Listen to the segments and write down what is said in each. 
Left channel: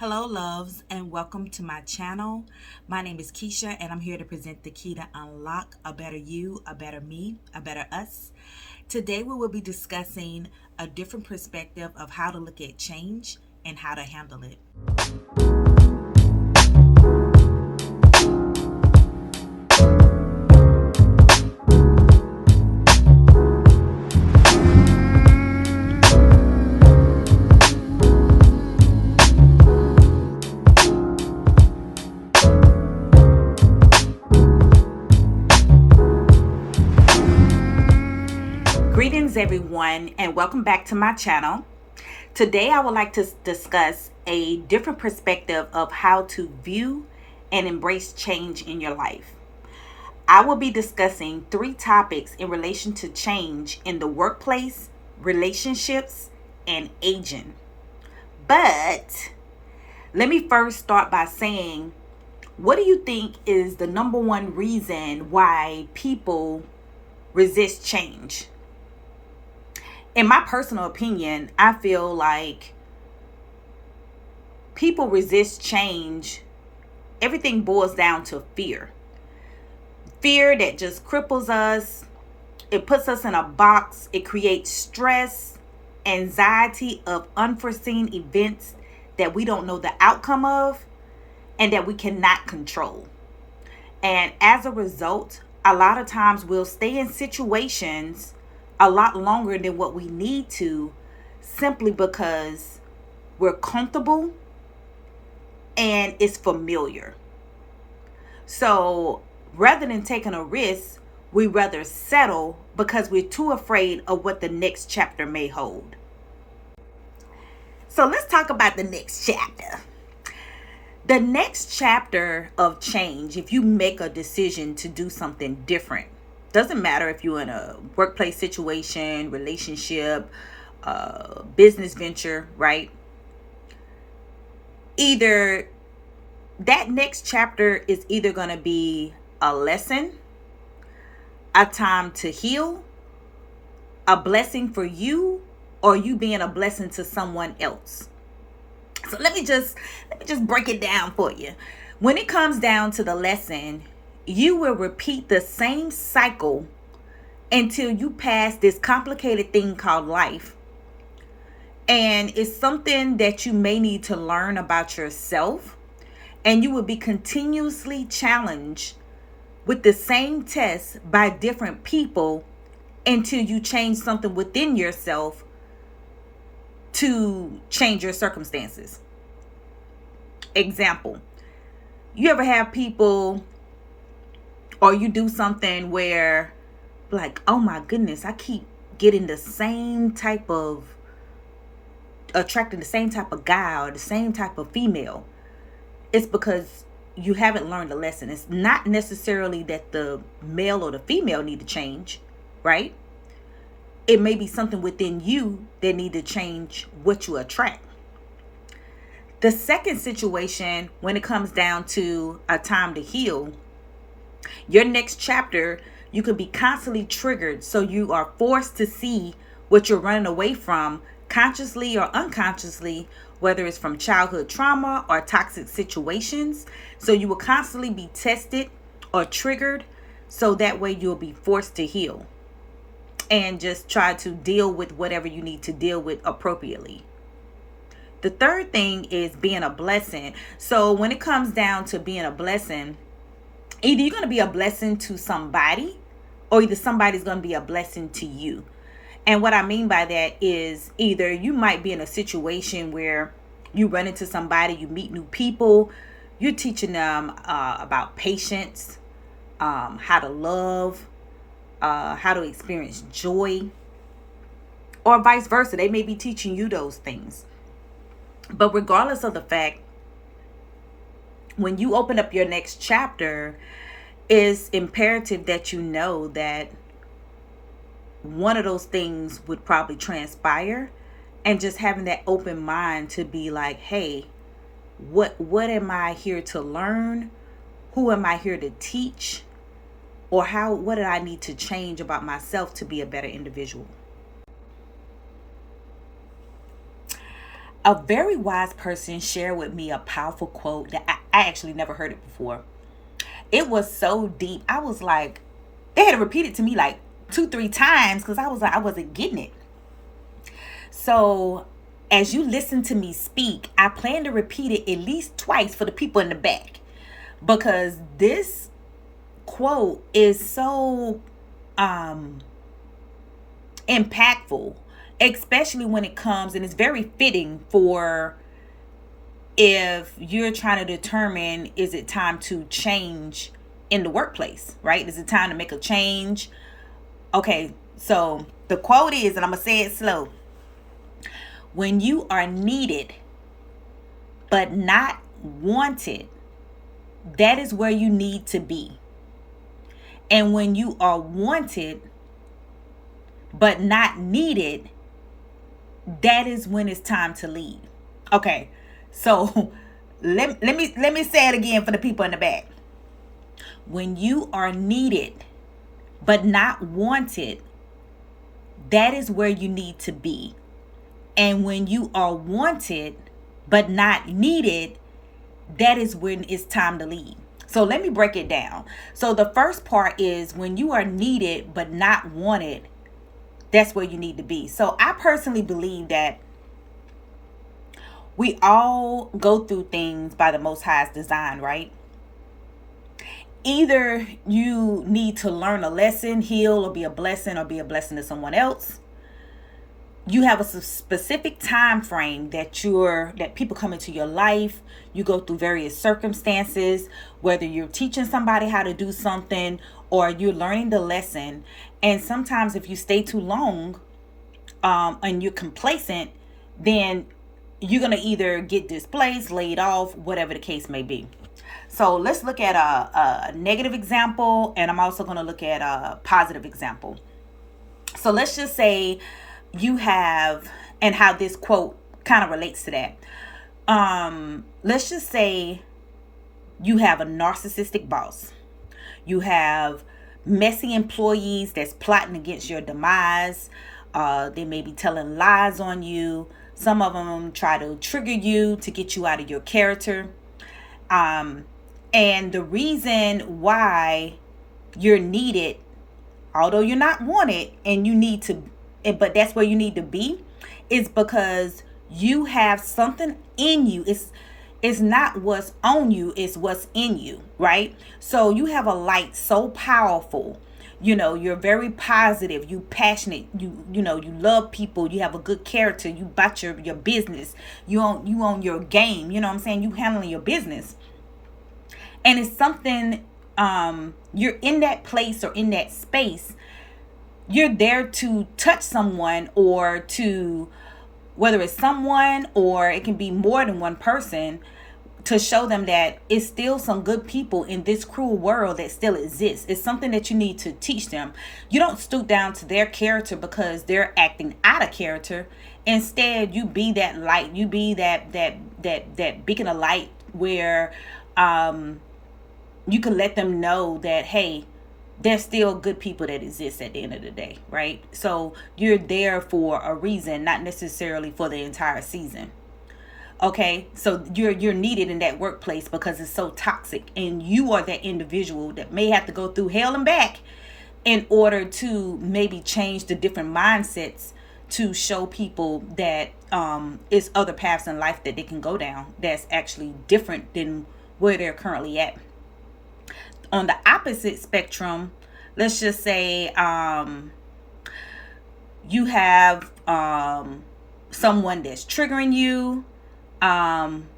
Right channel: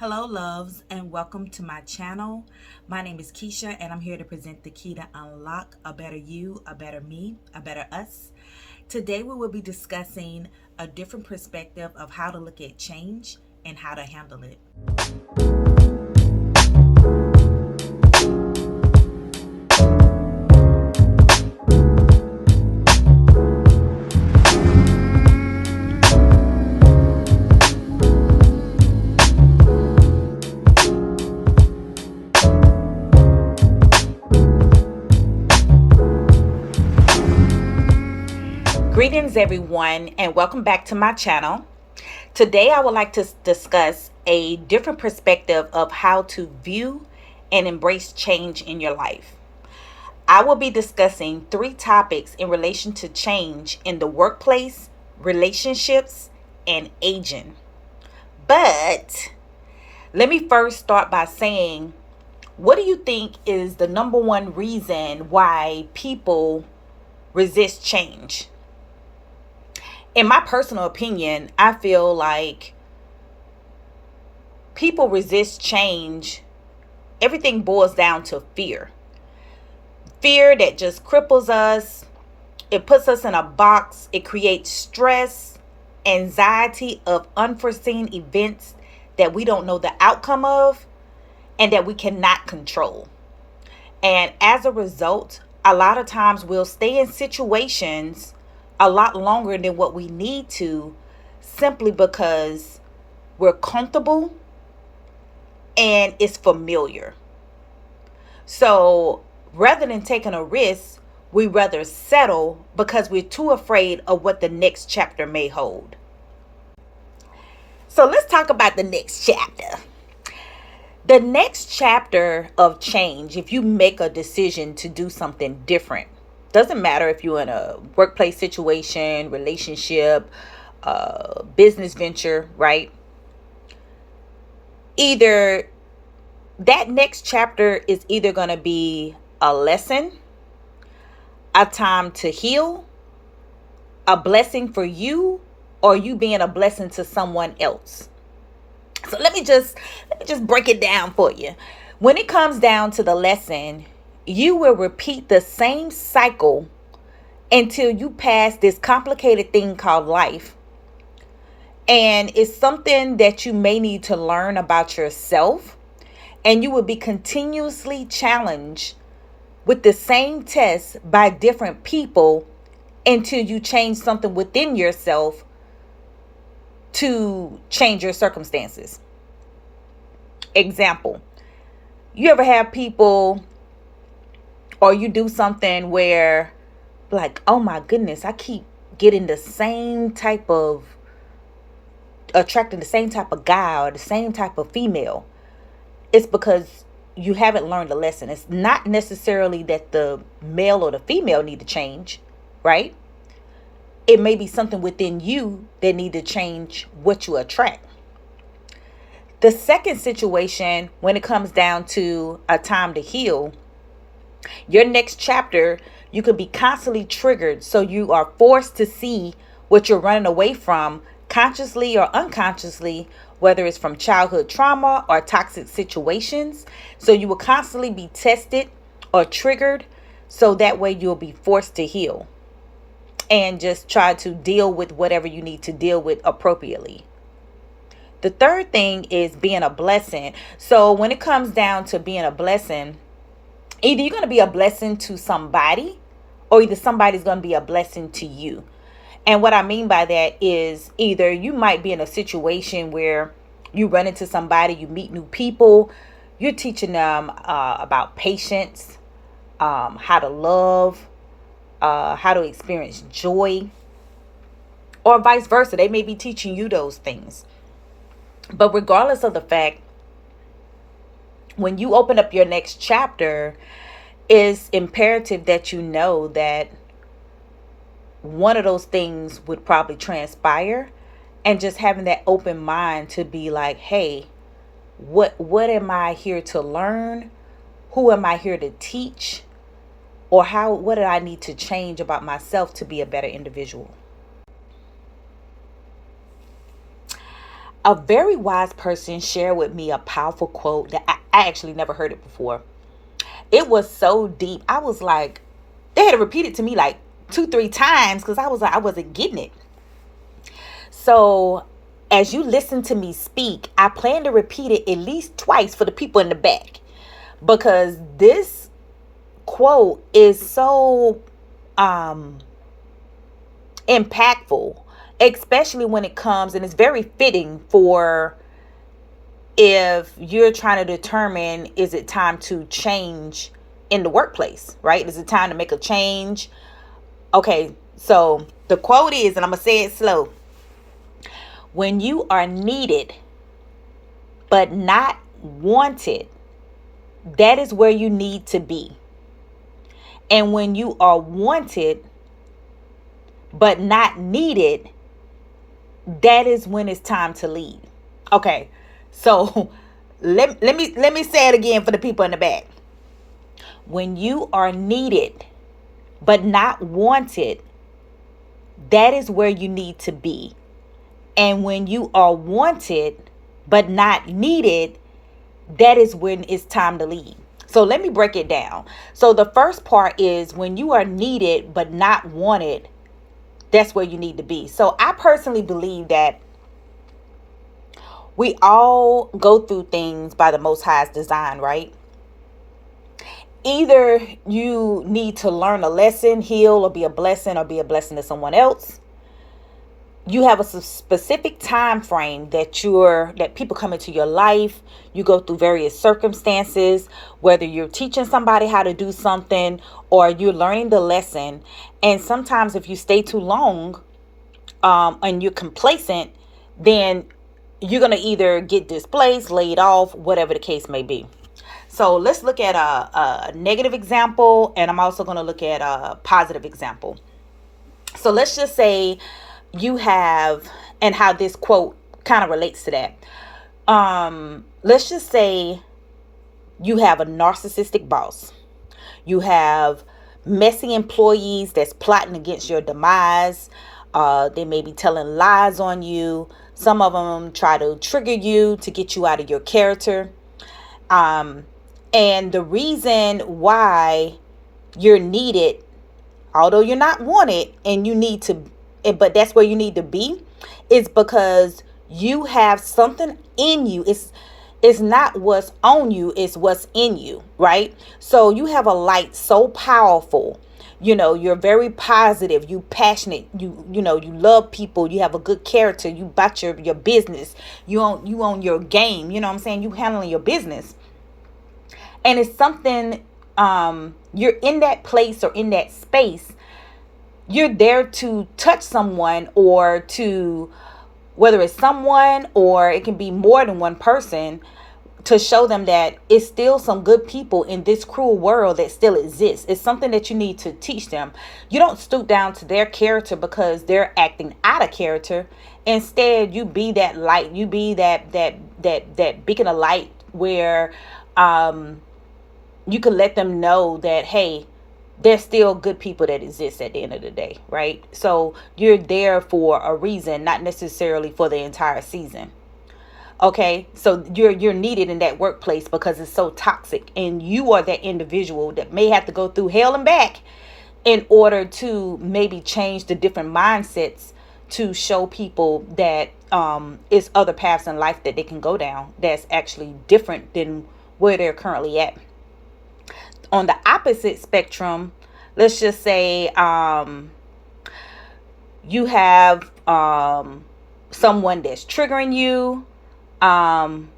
Hello, loves, and welcome to my channel. My name is Keisha, and I'm here to present the key to unlock a better you, a better me, a better us. Today, we will be discussing a different perspective of how to look at change and how to handle it. Greetings, everyone, and welcome back to my channel. Today, I would like to discuss a different perspective of how to view and embrace change in your life. I will be discussing 3 topics in relation to change in the workplace, relationships, and aging. But let me first start by saying, what do you think is the number one reason why people resist change? In my personal opinion, I feel like people resist change. Everything boils down to fear. Fear that just cripples us. It puts us in a box. It creates stress, anxiety of unforeseen events that we don't know the outcome of and that we cannot control. And as a result, a lot of times we'll stay in situations a lot longer than what we need to, simply because we're comfortable and it's familiar. So rather than taking a risk, we rather settle because we're too afraid of what the next chapter may hold. So let's talk about the next chapter. The next chapter of change, if you make a decision to do something different, doesn't matter if you're in a workplace situation, relationship, business venture, right? Either that next chapter is either going to be a lesson, a time to heal, a blessing for you, or you being a blessing to someone else. So let me just break it down for you. When it comes down to the lesson, you will repeat the same cycle until you pass this complicated thing called life. And it's something that you may need to learn about yourself, and you will be continuously challenged with the same test by different people until you change something within yourself to change your circumstances. Example, you ever have people, or you do something where, like, oh my goodness, I keep getting the same type of, attracting the same type of guy or the same type of female. It's because you haven't learned a lesson. It's not necessarily that the male or the female need to change, right? It may be something within you that need to change what you attract. The second situation, when it comes down to a time to heal, your next chapter, you could be constantly triggered. So you are forced to see what you're running away from, consciously or unconsciously, whether it's from childhood trauma or toxic situations. So you will constantly be tested or triggered, so that way you'll be forced to heal and just try to deal with whatever you need to deal with appropriately. The third thing is being a blessing. So when it comes down to being a blessing, either you're going to be a blessing to somebody, or either somebody's going to be a blessing to you. And what I mean by that is, either you might be in a situation where you run into somebody, you meet new people, you're teaching them about patience, how to love, how to experience joy, or vice versa. They may be teaching you those things. But regardless of the fact, when you open up your next chapter, it's imperative that you know that one of those things would probably transpire, and just having that open mind to be like, hey, what am I here to learn? Who am I here to teach? Or what do I need to change about myself to be a better individual? A very wise person shared with me a powerful quote that I actually never heard it before. It was so deep. I was like, they had to repeat it to me like two, three times because I was like, I wasn't getting it. So as you listen to me speak, I plan to repeat it at least twice for the people in the back because this quote is so um impactful, especially when it comes, and it's very fitting for if you're trying to determine, is it time to change in the workplace, right? Is it time to make a change? Okay, so the quote is, and I'm gonna say it slow: when you are needed but not wanted, that is where you need to be. And when you are wanted but not needed, that is when it's time to leave. Okay, so let me say it again for the people in the back. When you are needed but not wanted, that is where you need to be. And when you are wanted but not needed, that is when it's time to leave. So let me break it down. So the first part is when you are needed but not wanted, that's where you need to be. So I personally believe that we all go through things by the Most High's design, right? Either you need to learn a lesson, heal, or be a blessing, or be a blessing to someone else. You have a specific time frame that people come into your life. You go through various circumstances, whether you're teaching somebody how to do something or you're learning the lesson. And sometimes if you stay too long and you're complacent, then you're going to either get displaced, laid off, whatever the case may be. So let's look at a negative example, and I'm also going to look at a positive example. So let's just say you have, and how this quote kind of relates to that. Let's just say you have a narcissistic boss. You have messy employees that's plotting against your demise. They may be telling lies on you. Some of them try to trigger you to get you out of your character. And the reason why you're needed, although you're not wanted, and you need to, but that's where you need to be, is because you have something in you. It's not what's on you, it's what's in you, right? So you have a light so powerful. You're very positive, you passionate, you love people, you have a good character, you bought your business, you own your game, you know what I'm saying? You handling your business. And it's something, you're in that place or in that space. You're there to touch someone, or to, whether it's someone or it can be more than one person, to show them that it's still some good people in this cruel world that still exists. It's something that you need to teach them. You don't stoop down to their character because they're acting out of character. Instead, you be that light. You be that beacon of light where you can let them know that, hey, there's still good people that exist at the end of the day, right? So you're there for a reason, not necessarily for the entire season. Okay, so you're needed in that workplace because it's so toxic, and you are that individual that may have to go through hell and back in order to maybe change the different mindsets to show people that it's other paths in life that they can go down that's actually different than where they're currently at. On the opposite spectrum, let's just say you have someone that's triggering you, and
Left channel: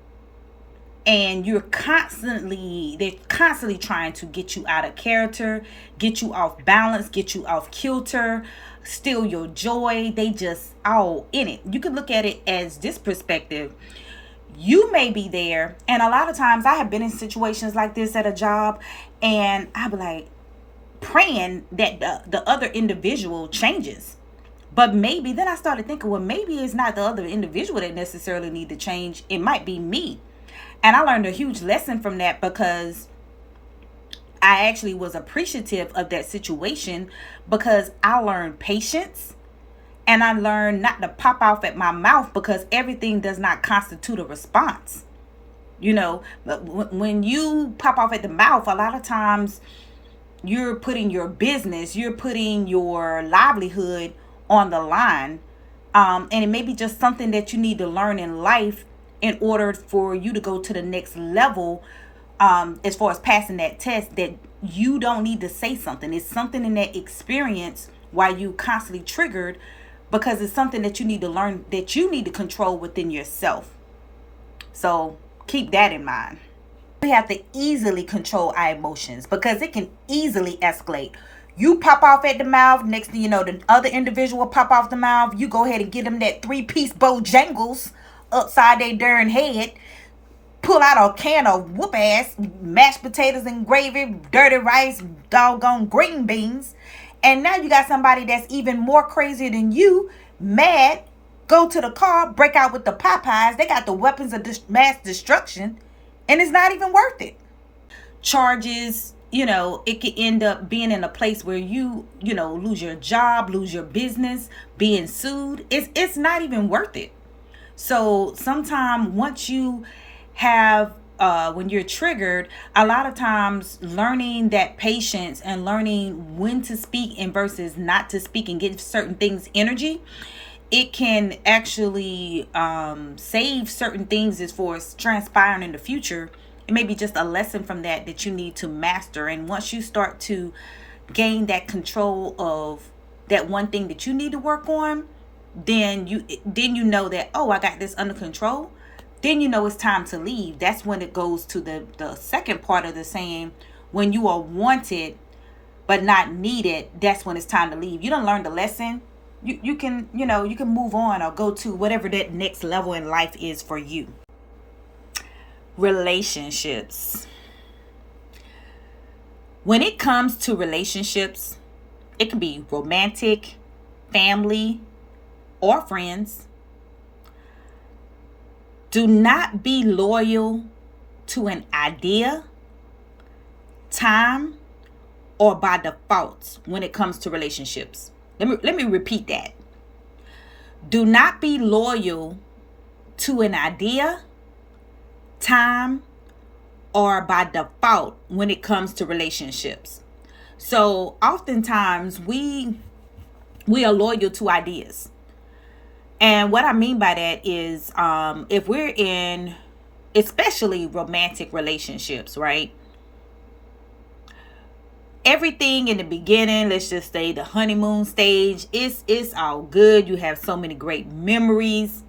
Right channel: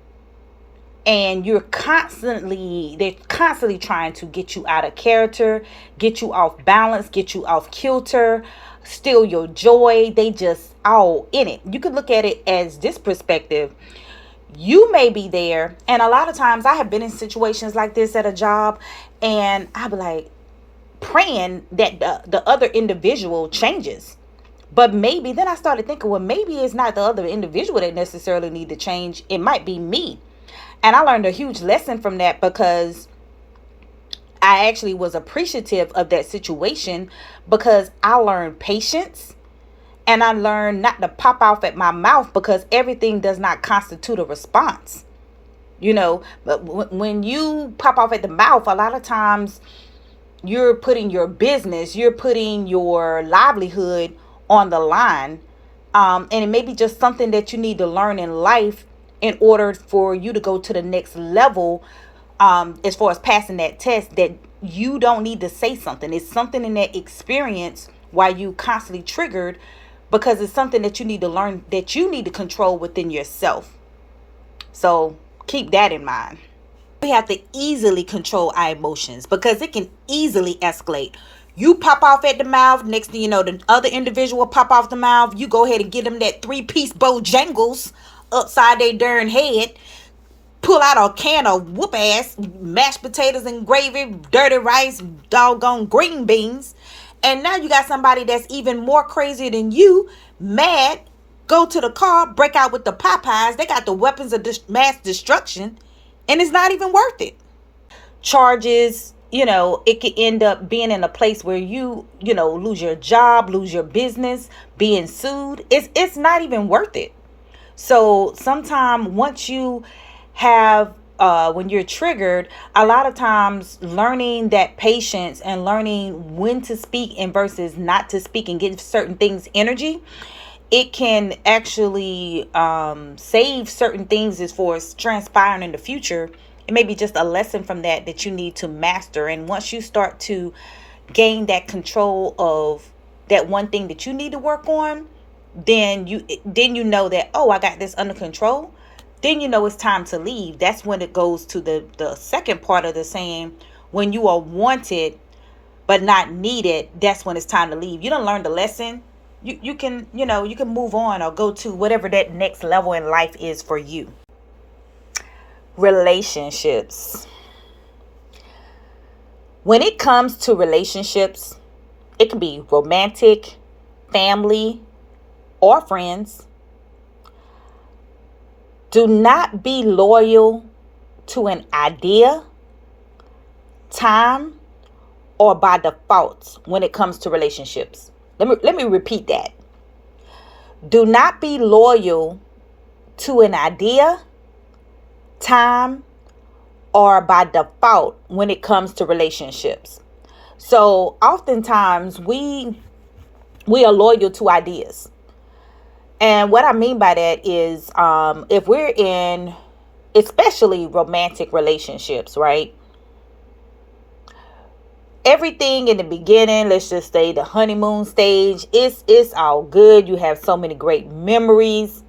they're constantly trying to get you out of character, get you off balance, get you off kilter, steal your joy. They just all in it. You could look at it as this perspective. You may be there, and a lot of times I have been in situations like this at a job, and I'll be like praying that the other individual changes. But maybe then I started thinking, well, maybe it's not the other individual that necessarily need to change. It might be me. And I learned a huge lesson from that, because I actually was appreciative of that situation, because I learned patience And I learned not to pop off at my mouth because everything does not constitute a response. But when you pop off at the mouth, a lot of times you're putting your business, you're putting your livelihood on the line. And it may be just something that you need to learn in life in order for you to go to the next level, as far as passing that test, that you don't need to say something. It's something in that experience why you constantly triggered, because it's something that you need to learn, that you need to control within yourself. So keep that in mind. We have to easily control our emotions because it can easily escalate. You pop off at the mouth, next thing you know, the other individual pop off the mouth. You go ahead and get them that 3-piece Bojangles upside their darn head. Pull out a can of whoop ass mashed potatoes and gravy, dirty rice, doggone green beans. And now you got somebody that's even more crazy than you, mad, go to the car, break out with the Popeyes. They got the weapons of mass destruction, and it's not even worth it. Charges, it could end up being in a place where you lose your job, lose your business, being sued. It's not even worth it. So sometime once you have when you're triggered, a lot of times learning that patience and learning when to speak and versus not to speak and give certain things energy, it can actually save certain things as far as transpiring in the future. It may be just a lesson from that you need to master. And once you start to gain that control of that one thing that you need to work on, then you know that, oh, I got this under control. Then you know it's time to leave. That's when it goes to the second part of the saying, when you are wanted but not needed, that's when it's time to leave. You don't learn the lesson. You can move on or go to whatever that next level in life is for you. Relationships. When it comes to relationships, it can be romantic, family, or friends. Do not be loyal to an idea, time, or by default when it comes to relationships. Let me repeat that. Do not be loyal to an idea, time, or by default when it comes to relationships. So oftentimes we are loyal to ideas. And what I mean by that is if we're in especially romantic relationships, right? Everything in the beginning, let's just say the honeymoon stage, it's all good. You have so many great memories.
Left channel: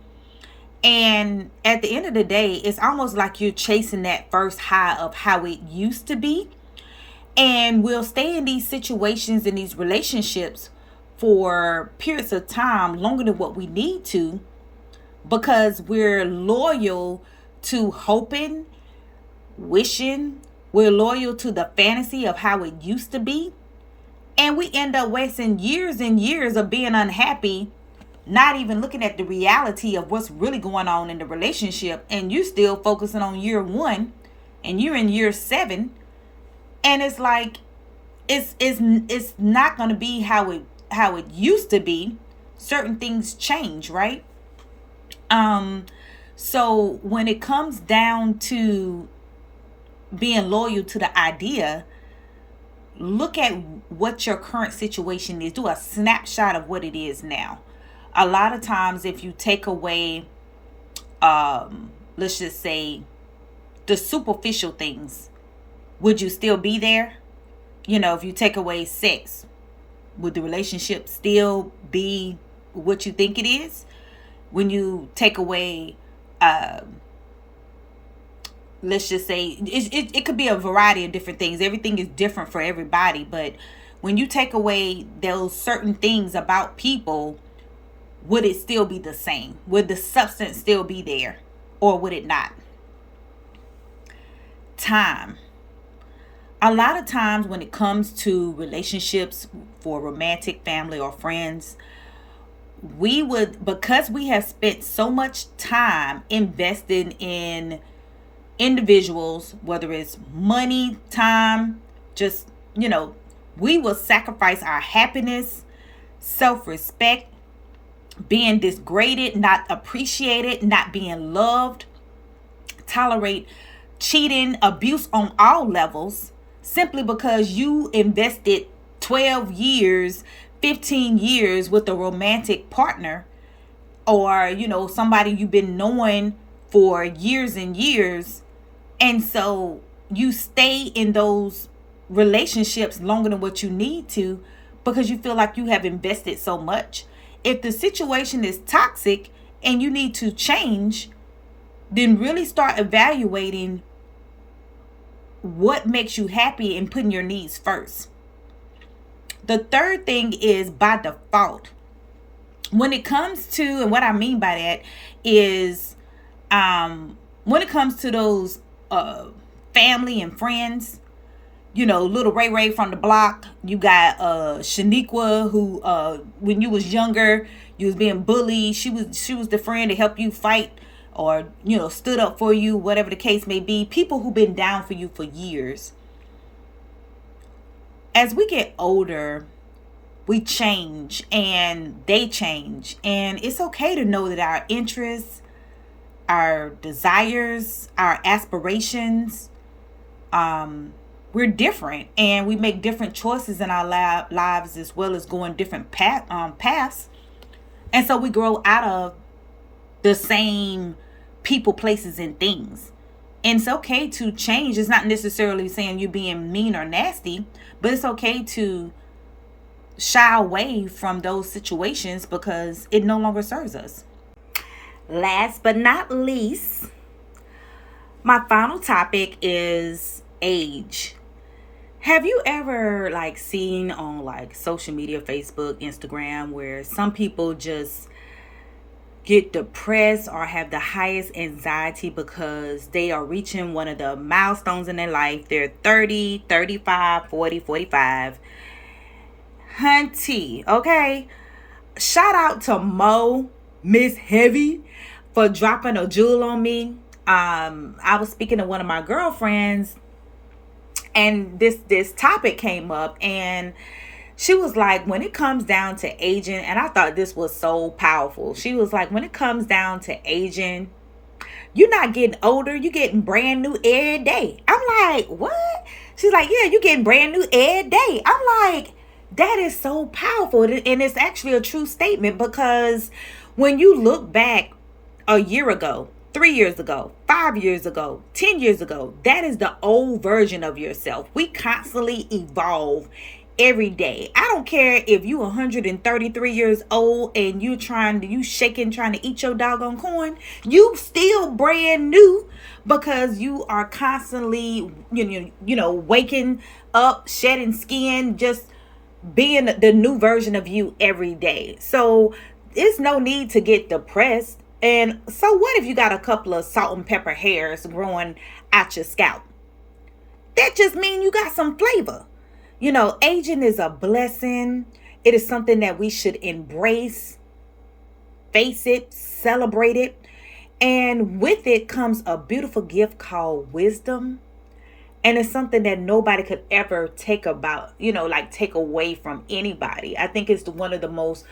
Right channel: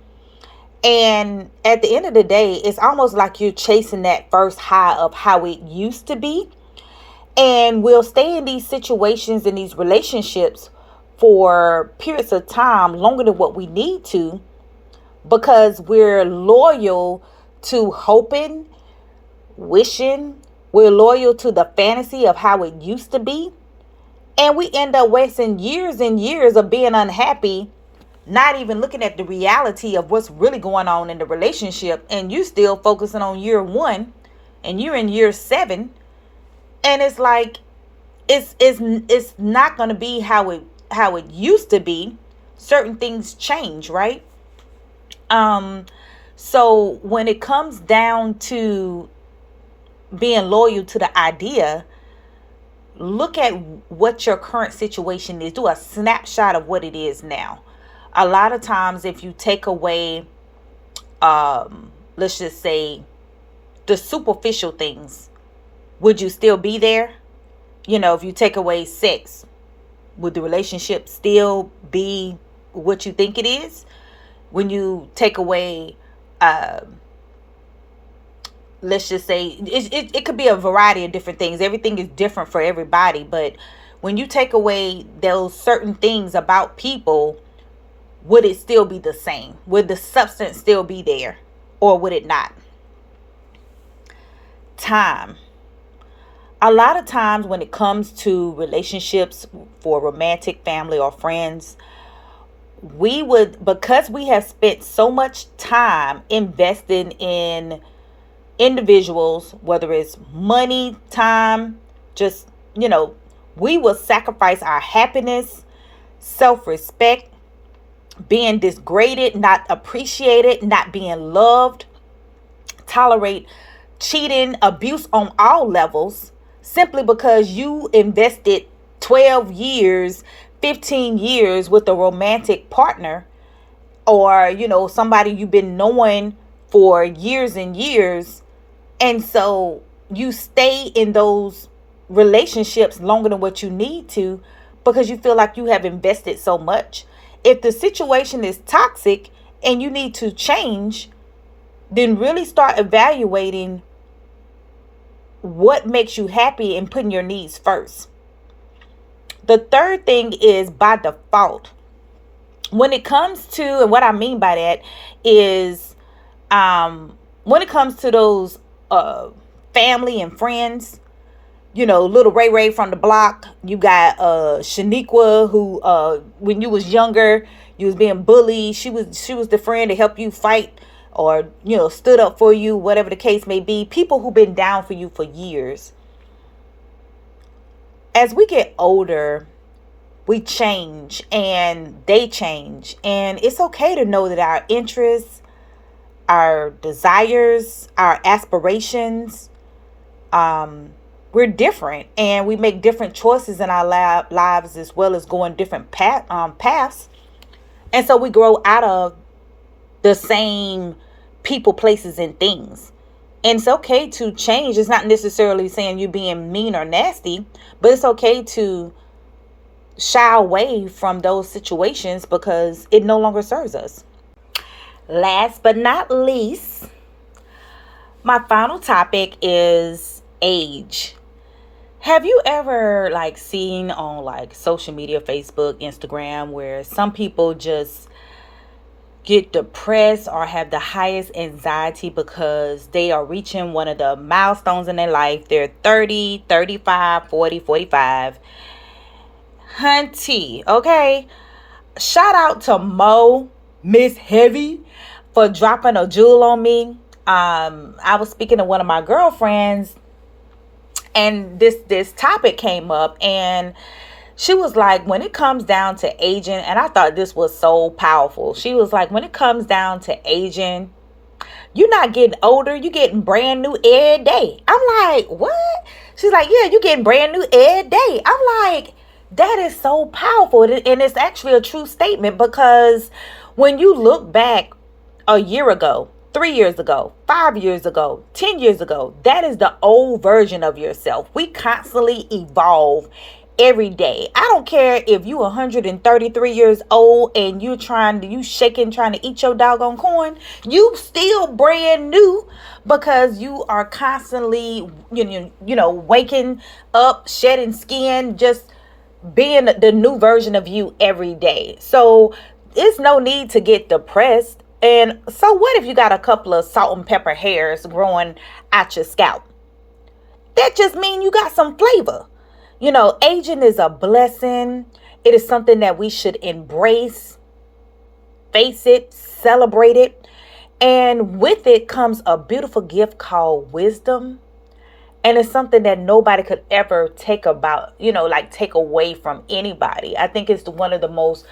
And at the end of the day, it's almost like you're chasing that first high of how it used to be. And we'll stay in these situations, in these relationships for periods of time longer than what we need to, because we're loyal to hoping, wishing, we're loyal to the fantasy of how it used to be. And we end up wasting years and years of being unhappy, not even looking at the reality of what's really going on in the relationship. And you still focusing on year 1 and you're in year 7. And it's like, it's not going to be how it used to be. Certain things change, right? So when it comes down to being loyal to the idea, look at what your current situation is. Do a snapshot of what it is now. A lot of times, if you take away, let's just say, the superficial things, would you still be there? If you take away sex, would the relationship still be what you think it is? When you take away, let's just say, it could be a variety of different things. Everything is different for everybody. But when you take away those certain things about people, would it still be the same? Would the substance still be there? Or would it not? Time. A lot of times when it comes to relationships for romantic, family, or friends, because we have spent so much time investing in individuals, whether it's money, time, just, we will sacrifice our happiness, self-respect, being degraded, not appreciated, not being loved, tolerate cheating, abuse on all levels, simply because you invested 12 years, 15 years with a romantic partner, or somebody you've been knowing for years and years. And so you stay in those relationships longer than what you need to, because you feel like you have invested so much. If the situation is toxic and you need to change, then really start evaluating what makes you happy and putting your needs first. The third thing is by default. When it comes to, and what I mean by that is, when it comes to those family and friends, little Ray Ray from the block, you got Shaniqua, who when you was younger, you was being bullied. She was the friend to help you fight, or stood up for you, whatever the case may be. People who've been down for you for years. As we get older, we change and they change, and it's okay to know that our interests, our desires, our aspirations, we're different, and we make different choices in our lives, as well as going different paths. And so we grow out of the same people, places, and things. And it's okay to change. It's not necessarily saying you being mean or nasty, but it's okay to shy away from those situations because it no longer serves us. Last but not least, my final topic is age. Have you ever seen on social media, Facebook, Instagram, where some people just get depressed or have the highest anxiety because they are reaching one of the milestones in their life? They're 30, 35, 40, 45. Hunty, okay? Shout out to Miss Heavy, for dropping a jewel on me. I was speaking to one of my girlfriends, and this topic came up, and she was like, when it comes down to aging, and I thought this was so powerful. She was like, when it comes down to aging, you're not getting older, you're getting brand new every day. I'm like, what? She's like, yeah, you're getting brand new every day. I'm like, that is so powerful. And it's actually a true statement, because when you look back a year ago, 3 years ago, 5 years ago, 10 years ago, that is the old version of yourself. We constantly evolve every day. I don't care if you 133 years old and you shaking, trying to eat your doggone corn. You still brand new, because you are constantly, waking up, shedding skin, just being the new version of you every day. So there's no need to get depressed. And so what if you got a couple of salt and pepper hairs growing out your scalp? That just means you got some flavor. Aging is a blessing. It is something that we should embrace, face it, celebrate it. And with it comes a beautiful gift called wisdom. And it's something that nobody could ever take away from anybody. I think it's one of the most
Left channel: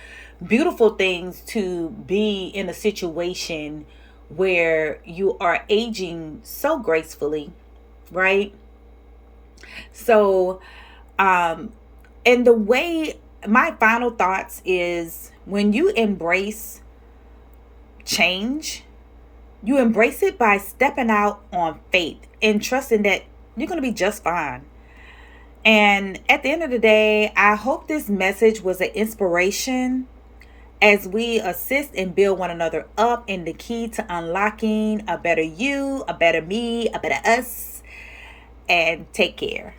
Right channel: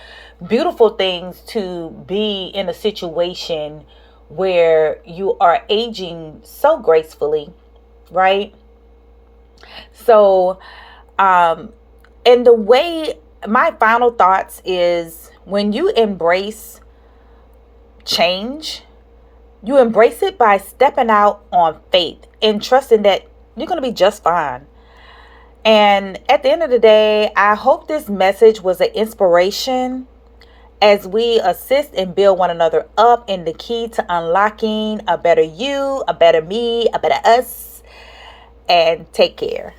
beautiful things to be in a situation where you are aging so gracefully, right? So, and the way, my final thoughts is, when you embrace change, you embrace it by stepping out on faith and trusting that you're going to be just fine. And at the end of the day, I hope this message was an inspiration as we assist and build one another up in the key to unlocking a better you, a better me, a better us. And take care.